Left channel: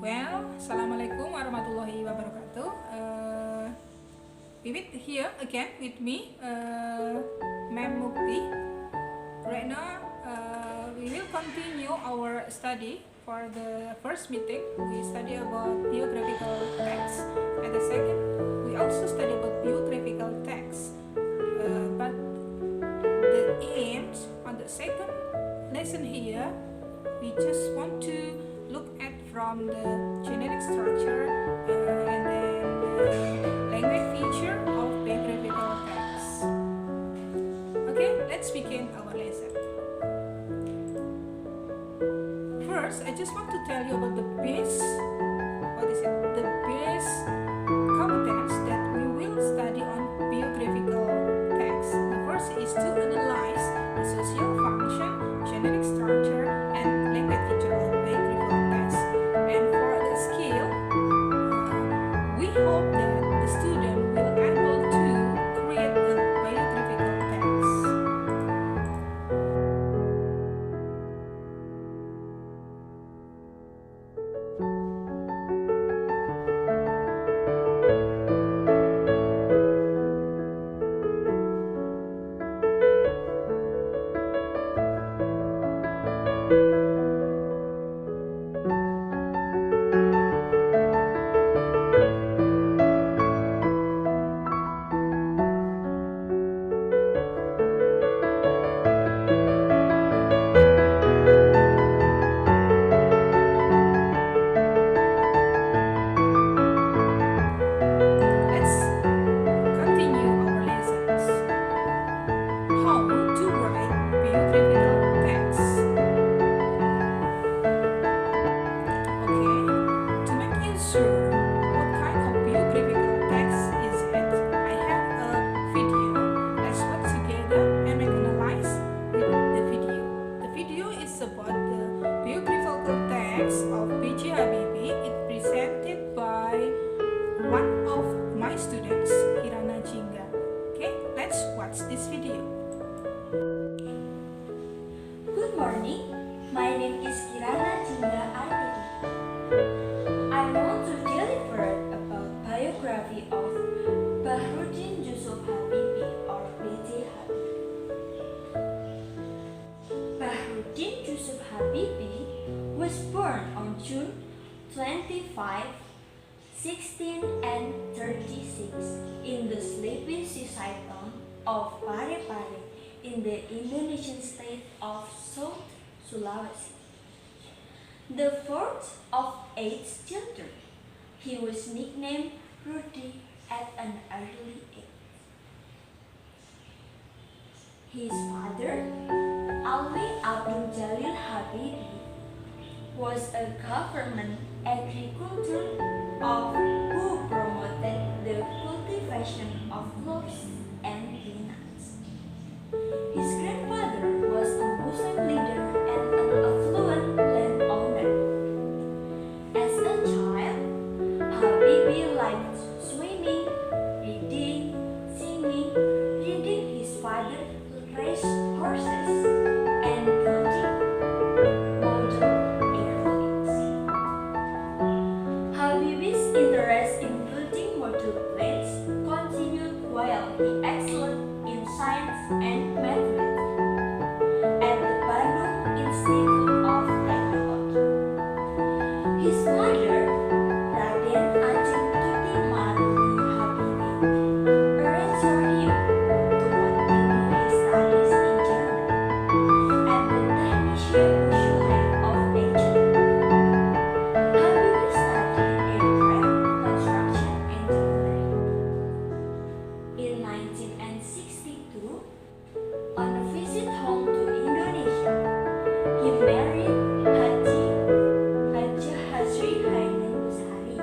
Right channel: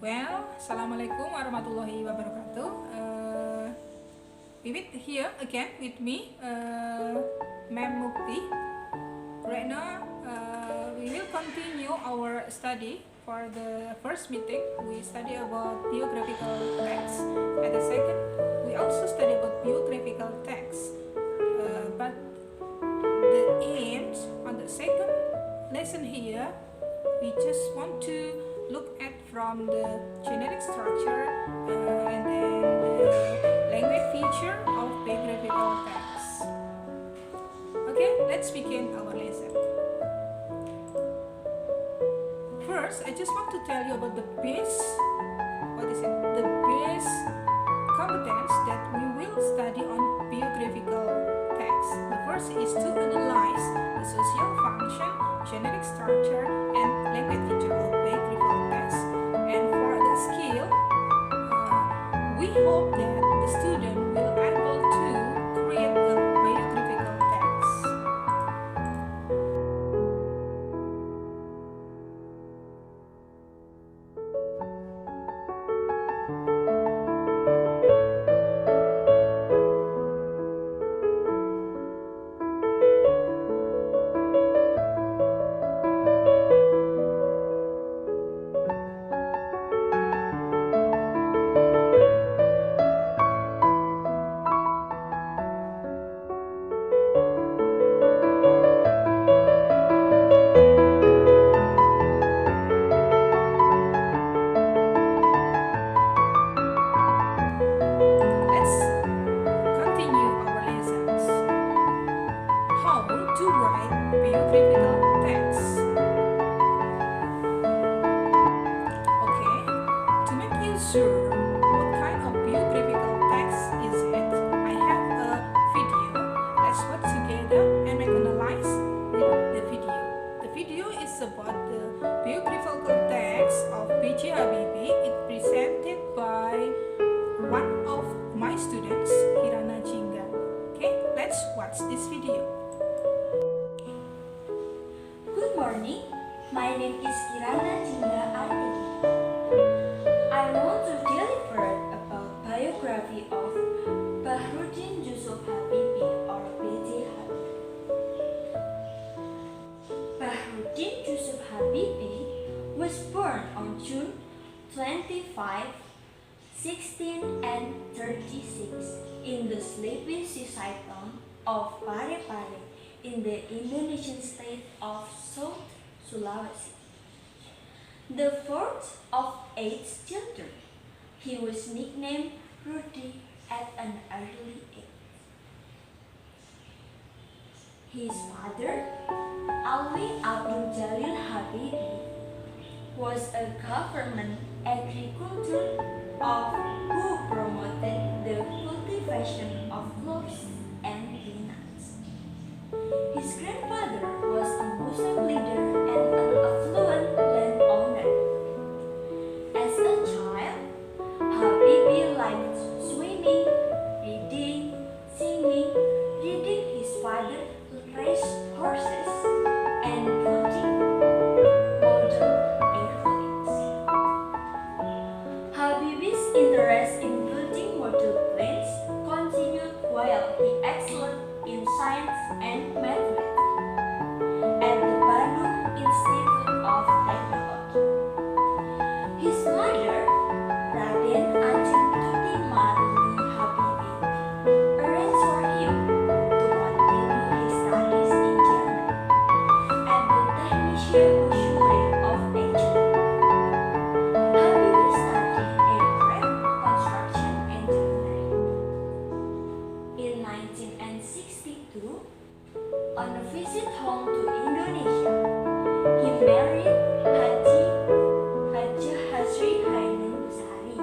Assalamualaikum warahmatullahi wabarakatuh. We meet here again with me, Ma'am Mukti. Right now, we will continue our study. For the first meeting, we study about biographical text, and the second, we also study about biographical text. But the aims on the second lesson here, we just want to look at from the generic structure and then the language feature of biographical text. Okay, let's begin our lesson. First, I just want to tell you about the base. The base competence that we will study on biographical text. The first is to analyze the social function, generic structure, and language feature of biographical text. And for the skill, we hope that the student will able to create a biographical text. Biographical text. Okay, to make you sure what kind of biographical text is it, I have a video. Let's watch together and make analyze with the video. The video is about the biographical text of B.J. Habibie. It presented by one of my students, Kirana Jingga. Okay, let's watch this video. Good morning, my name is Kirana Jingga Artedi. I want to deliver about biography of Bahruddin Yusuf Habibie or B.J. Habibie. Bahruddin Yusuf Habibie was born on June 25, 1636 in the sleepy seaside town of Parepare in the Indonesian state of South Sulawesi. The fourth of 8 children, he was nicknamed Rudy at an early age. His father, Alwi Abdul Jalil Habibie, was a government agricultor who promoted the cultivation of cloves and peanuts. His grandfather was a Muslim leader and an affluent landowner. As a child, Habibie liked swimming, reading, singing, reading his father race horses, and building model airplanes. Habibie's interest in building model planes continued while he excelled in science and mathematics at the Bandung Institute of Technology. His mother, Raden Ajeng Tuti Maruli Habibie, arranged for him to continue his studies in Germany at the Technische Hochschule of Aachen. Habibie studied aircraft construction engineering. In 1962, on a visit home to Indonesia, he married Haji Hasri Hainun Busari,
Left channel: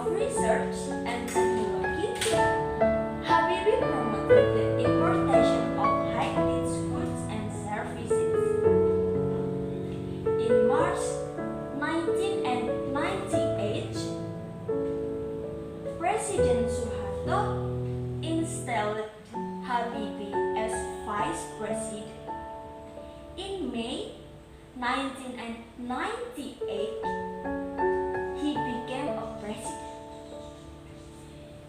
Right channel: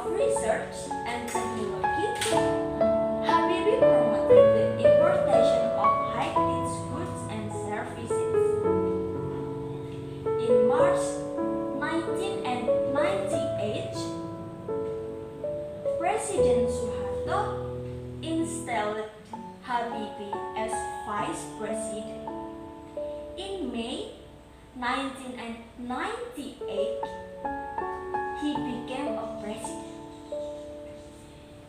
of research and technology, Habibie promoted the importation of high-tech goods and services. In March 1998, President Suharto installed Habibie as vice president. In May 1998, he became a president.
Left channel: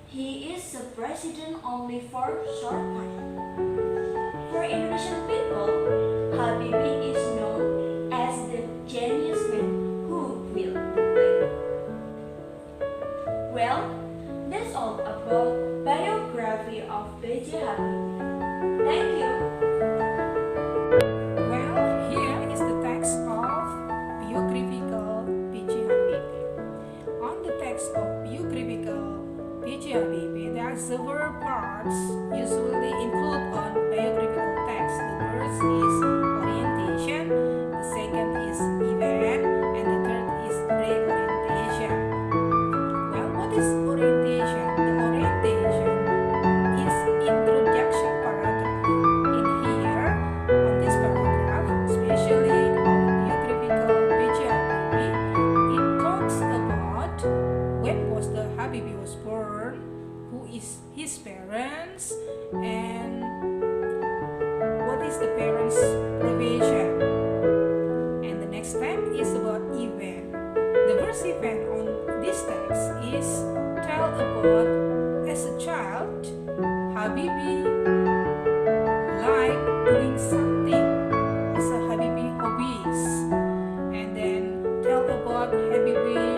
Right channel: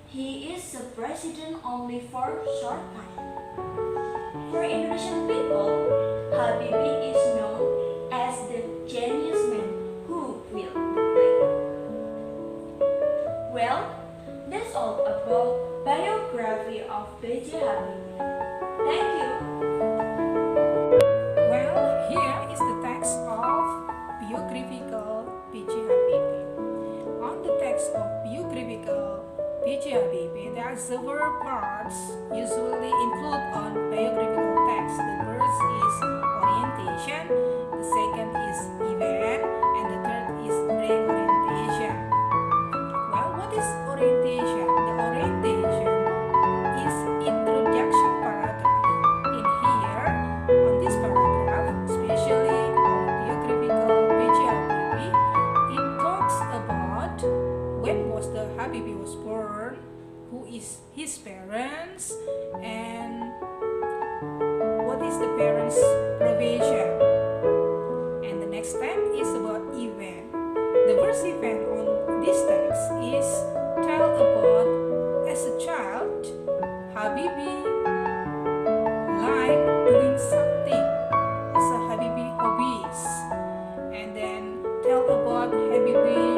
He is a president only for a short time. For Indonesian people, Habibie is known as the genius man who will play. Well, that's all about biography of B.J. Habibie. Thank you. Well, here is the text of biographical B.J. Habibie. On the text of biographical B.J. Habibie, there are several parts usually included on biographical text. The first is orientation, the second is event, and the third is reorientation. Well, what is orientation? The orientation is introduction paragraph. In here, on this paragraph, especially on biographical B.J. Habibie, it talks about when was the Habibie was born, who is his parents, and what is the parents' profession. And the next step is about event. The first event on this text is tell about as a child, Habibie liked doing something as a Habibie hobbies, and then tell about Habibie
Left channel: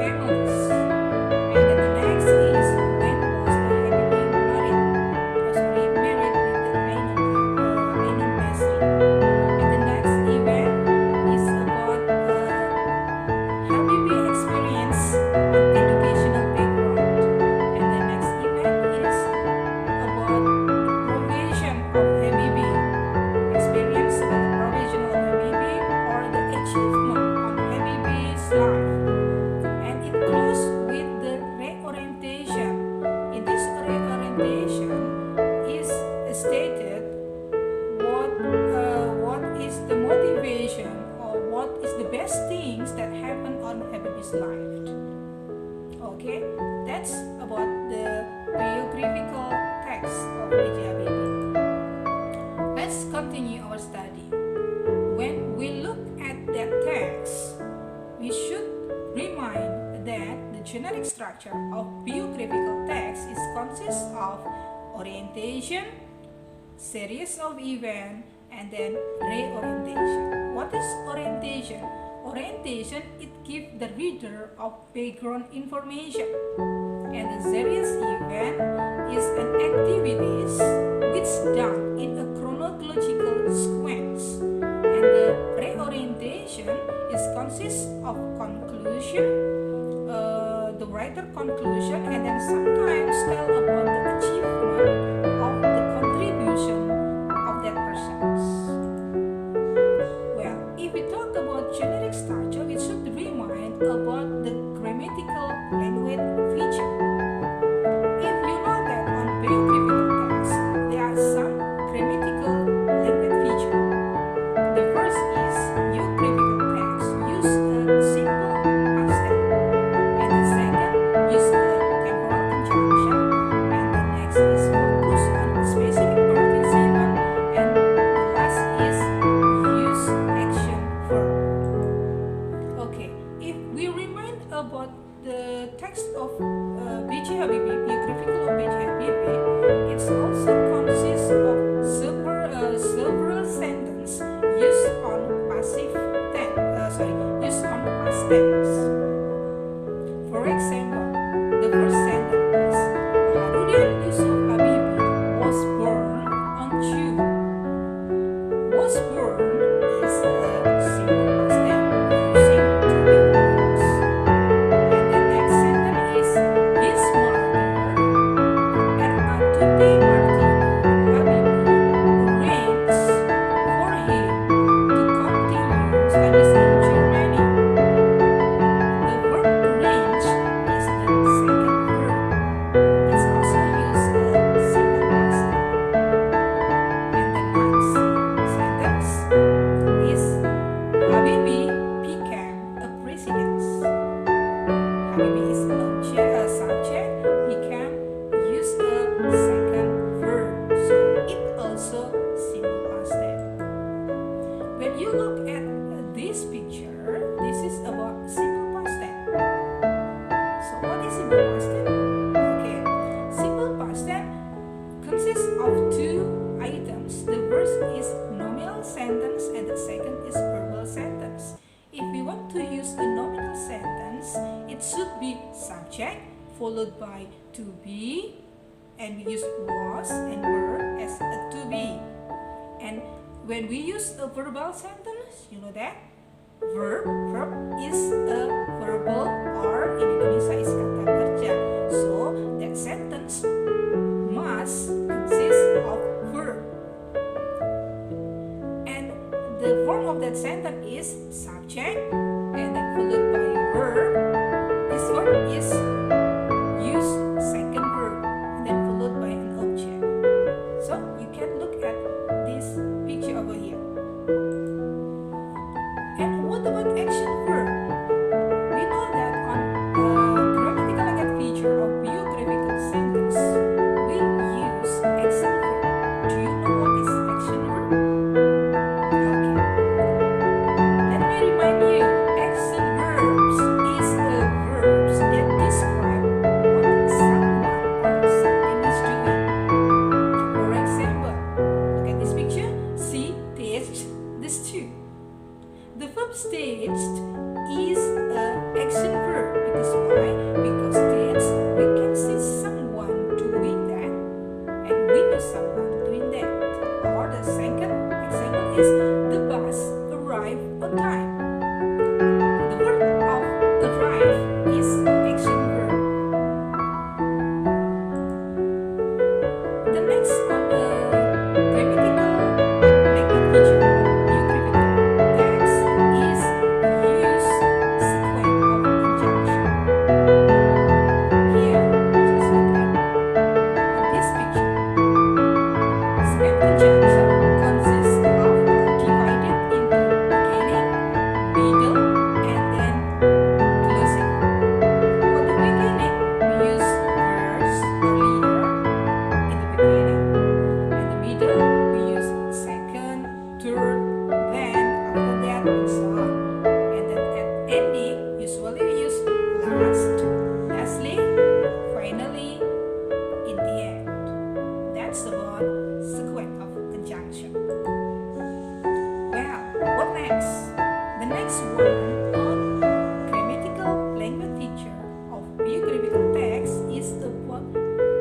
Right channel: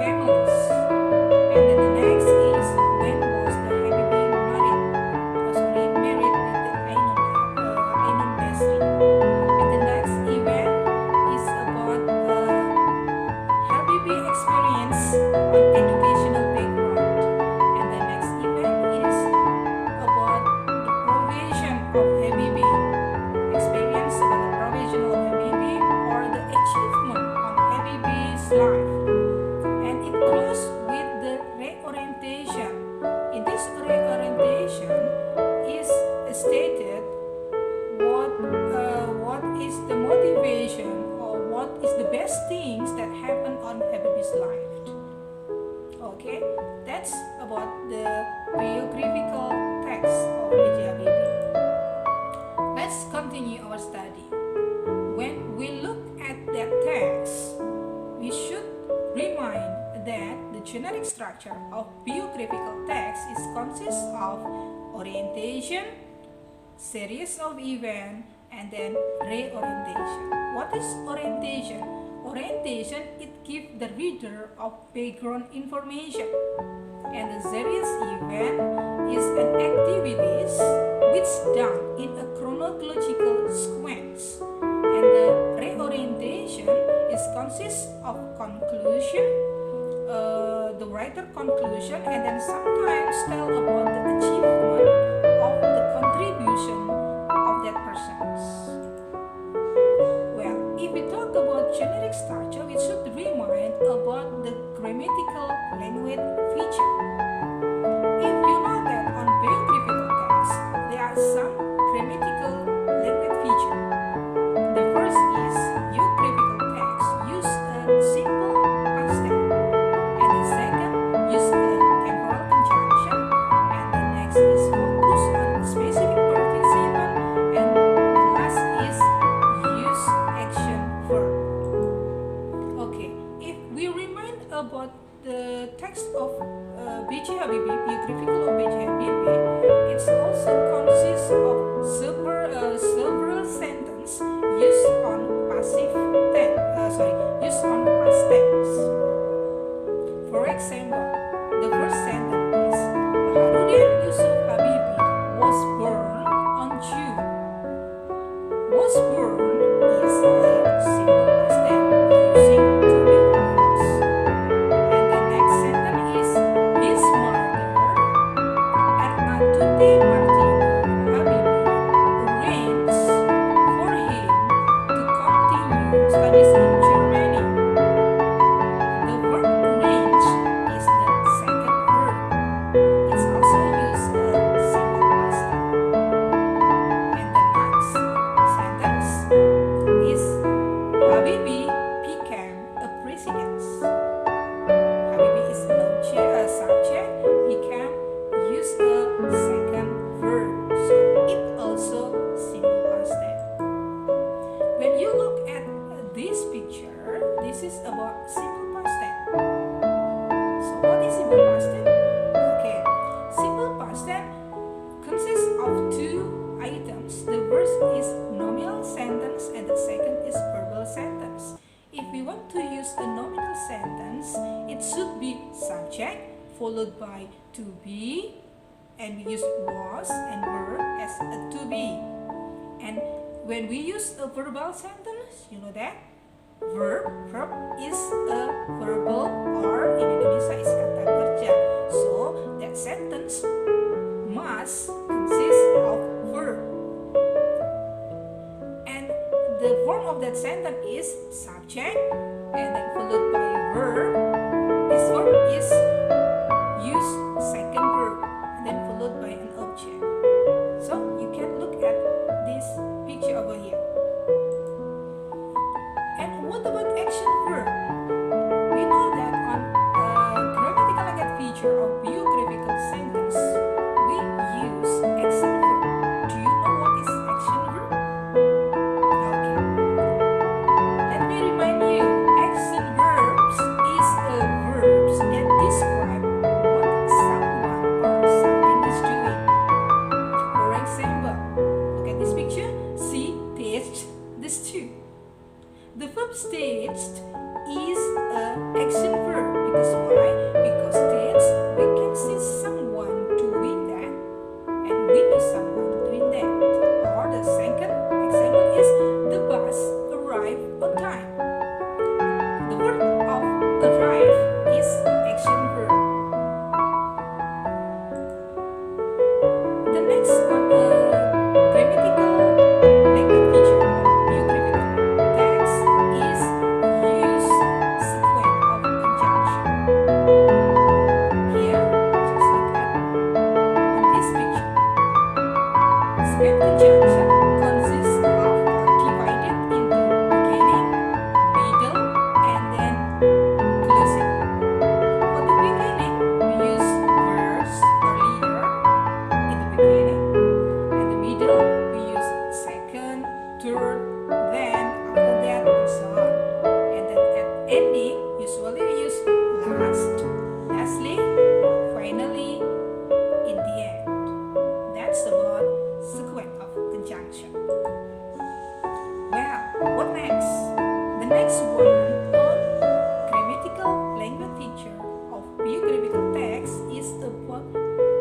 families. And then the next is when was the Habibie married? Married with the Ainun Masri. And the next event is about Habibie experience on educational background. And the next event is about the provision of Habibie. Experience about the provision of Habibie or the achievement on Habibie's life. And it closes with the reorientation. In this reorientation is stated what is the motivation or what is the best things that happen on Habibie's life. Okay, that's about the biographical text of B.J. Habibie. Let's continue our study. When we look at that text, we should remind that the generic structure of biographical text is consists of orientation, series of events, and then reorientation. What is orientation? Orientation, it gives the reader of background information. And the series event is an activities which done in a chronological sequence. And the reorientation is consists of conclusion, the writer conclusion, and then sometimes tell about the achievement of the contribution of that persons. Well, if we talk about generic structure, we should remind about the grammatical language feature. If you know that on biographical text, there are some grammatical language feature. The first is biographical text use a simple past tense, and the second use a temporal conjunction, and the next is focus on a specific participant, and the last is use action verb. Okay, if we remind about the text of B.J. Habibie, biographical of B.J. Habibie, it also consists of several sentences used on passive tense. Used on past tense. For example, the first sentence is Baharudin Yusuf Habibie was born on June. Was born is a simple past tense using to be was. And the next sentence is his mother, Ermatuti Martini Habibie, arranged for him to continue studies picture, this is about simple past tense. So what is simple past tense? Okay, simple past tense consists of two items. The first is nominal sentence and the second is verbal sentence. If we want to use a nominal sentence, it should be subject followed by to be, and we use was and were as a to be. And when we use a verbal sentence, you know that verb is a verbal, or in Indonesia is kata kerja. So that sentence must consist of verb. And the form of that sentence is subject and then followed by verb. This verb is use second verb and then followed by an object. So you can look at this picture over here. And what about action verb? We know that on grammatical language feature of biographical sentence, we use action verb. Do you know what is action verb? Okay. Let me remind you, action verbs is the verbs that describe what someone or something is doing. For example, look at this picture. See, taste the stew. The verb taste is an action verb. Because why? Because taste, we can see someone doing that and we know someone doing that. Or the second example is the bus arrived on time. The word of arrive is action verb. The next one, grammatical language feature of biographical text is use sequence of conjunction. Here, just look at on this picture. Sequence conjunction consists of or divided into beginning, middle, and then closing. For the beginning, we use verse earlier in the beginning, and the middle we use second, third, then after that and so on. And then at ending, usually we use last, lastly, finally, in the end. That's about sequence of conjunction. Well, what next? The next one on grammatical language feature of biographical text is about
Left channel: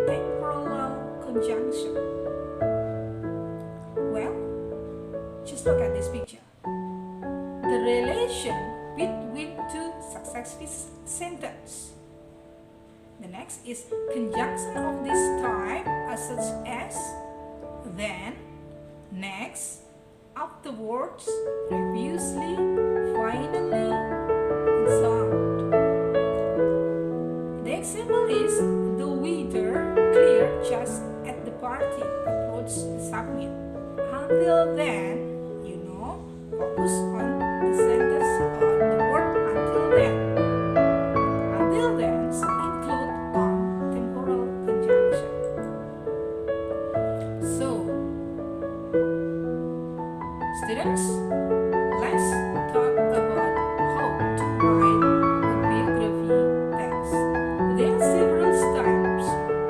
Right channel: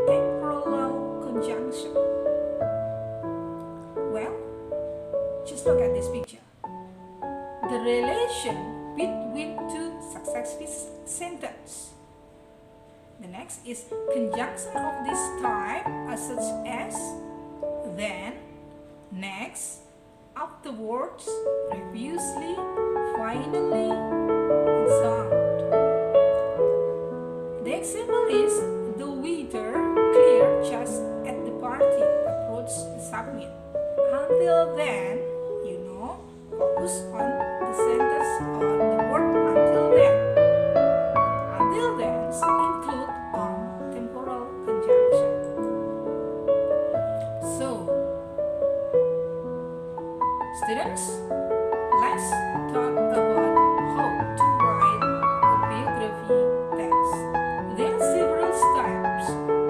temporal conjunction. Well, just look at this picture. The relation between two successive sentences. The next is conjunction of this type are such as then, next, afterwards, previously, finally, and so on. The example is the waiter cleared just at the party approached the submit. Until then, you know, focus on the sentence or the word until then. Until then include on temporal conjunction. So, students, let's talk about how to write a biography text. There are several steps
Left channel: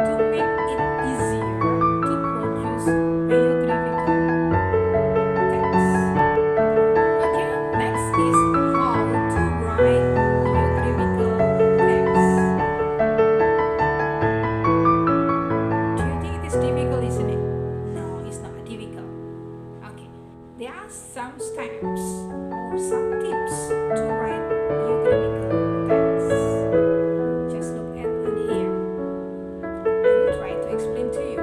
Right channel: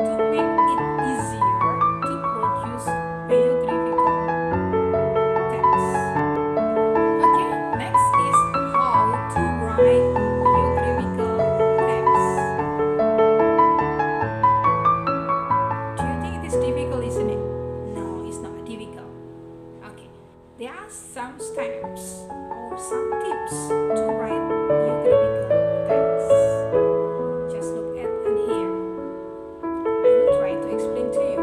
to make it easier to produce biographical text. Okay, next is how to write biographical text. Do you think it is difficult, isn't it? No, it's not difficult. Okay, there are some steps or some tips to write biographical text. Just look at and here. I will try to explain to you.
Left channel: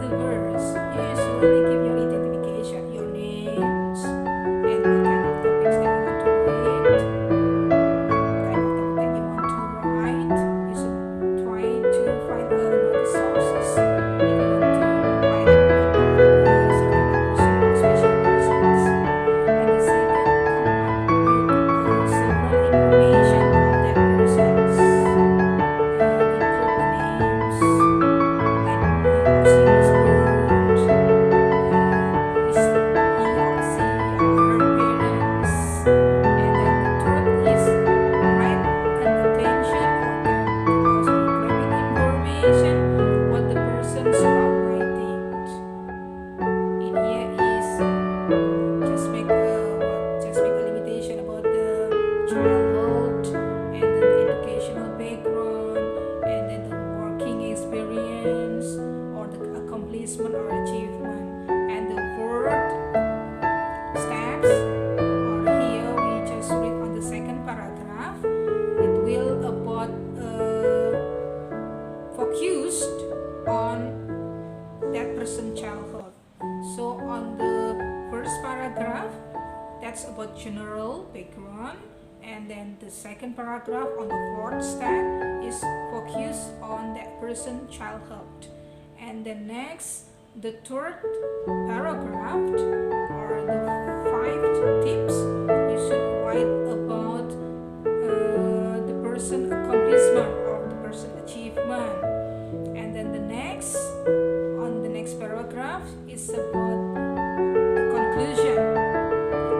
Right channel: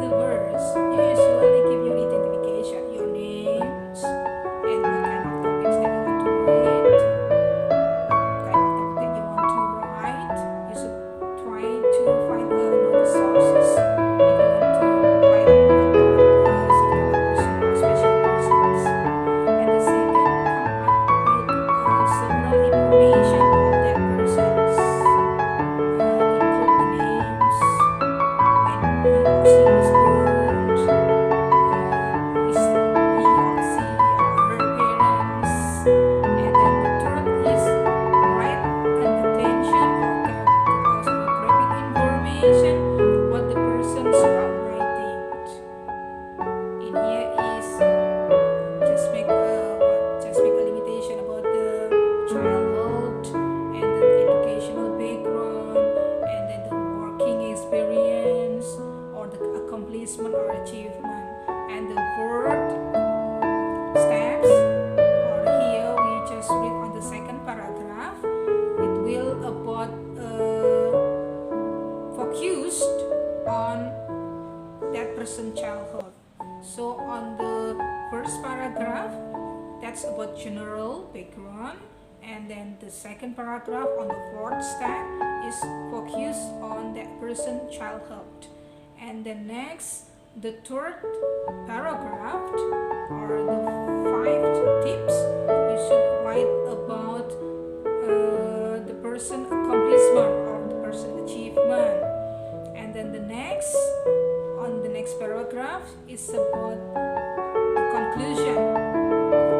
The verse, you usually give your identification, your names, and what kind of topics that you want to read, what kind of topic that you want to write. You should try to find another sources if you want to write about certain person or special persons. And the second, come up with accomplishment or achievement. And the word steps, or here we just read on the second paragraph, it will about focused on that person's childhood. So on the first paragraph, that's about general background, and then the second paragraph on the fourth step is focused on that person's childhood. And then next, the third paragraph or the 5 tips you should write about the person accomplishment or the person achievement. And then the next, on the next paragraph, is about the conclusion.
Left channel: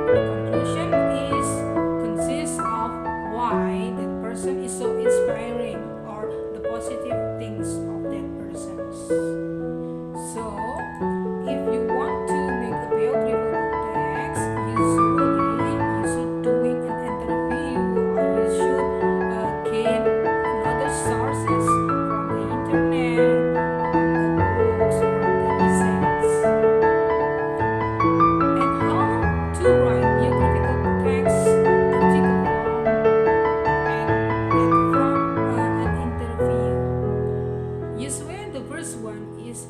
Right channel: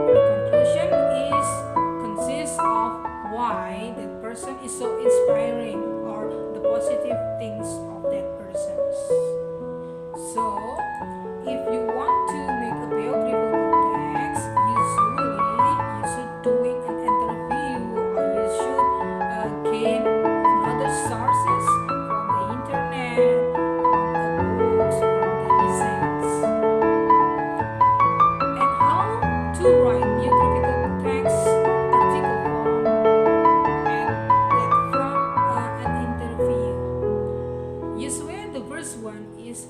The conclusion is consists of why that person is so inspiring or the positive things of that person. So, if you want to make a biographical text, usually you should doing an interview or you should gain another sources from the internet, from the books, from the research. And how to write biographical text, article form, and that from an interview. Usually the first one is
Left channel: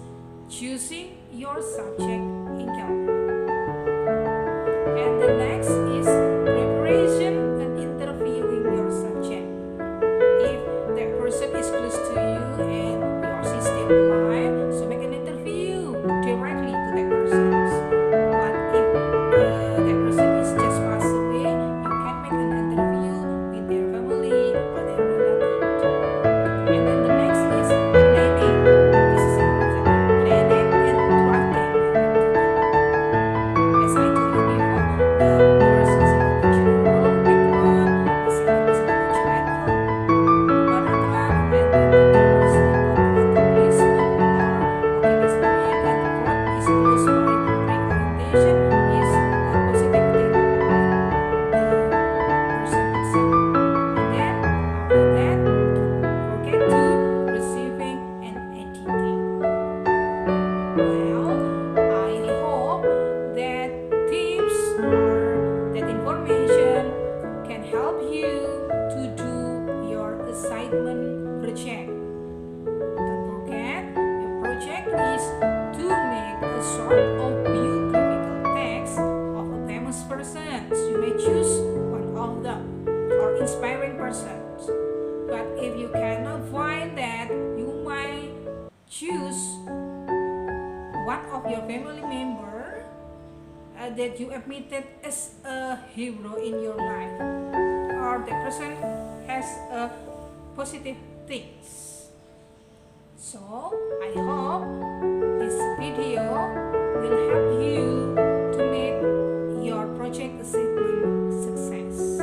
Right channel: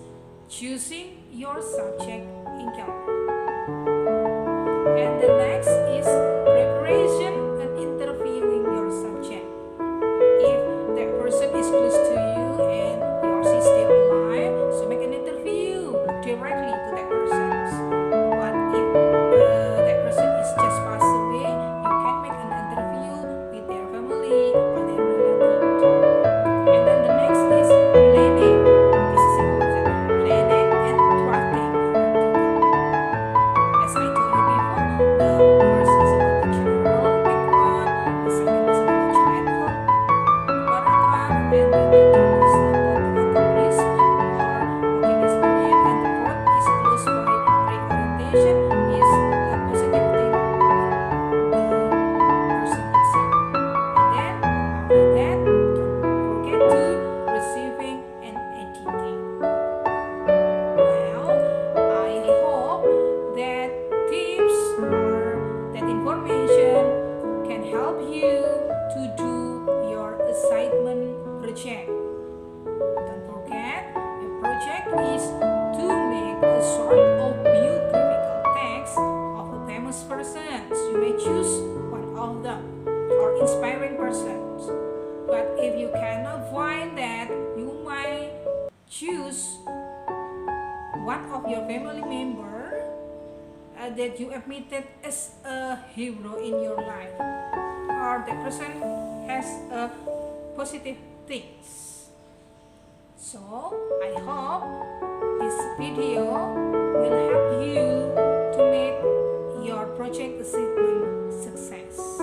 choosing your subject income. And the next is preparation and interviewing your subject. If that person is close to you and he or she is still alive, so make an interview directly to that person. But if that person is just passed away, you can make an interview with their family or their relative. And then the next is planning. This is important. Planning and drafting your article. As I told you before, the first is about the general background, the second is about the childhood paragraph, and then the third is about the accomplishment or working experience, and the fourth is closed by pre-orientation, is a positive thing of the person itself. And then after that, don't forget to receiving and editing. Well, I hope that tips or that information can help you to do your assignment project. Don't forget, your project is to make a sort of biographical text of a famous person. You may choose one of them or inspiring persons. But if you cannot find that, you might choose one of your family member that you admitted as a hero in your life, or that person has a positive things. So I hope this video will help you to make your project achievement success.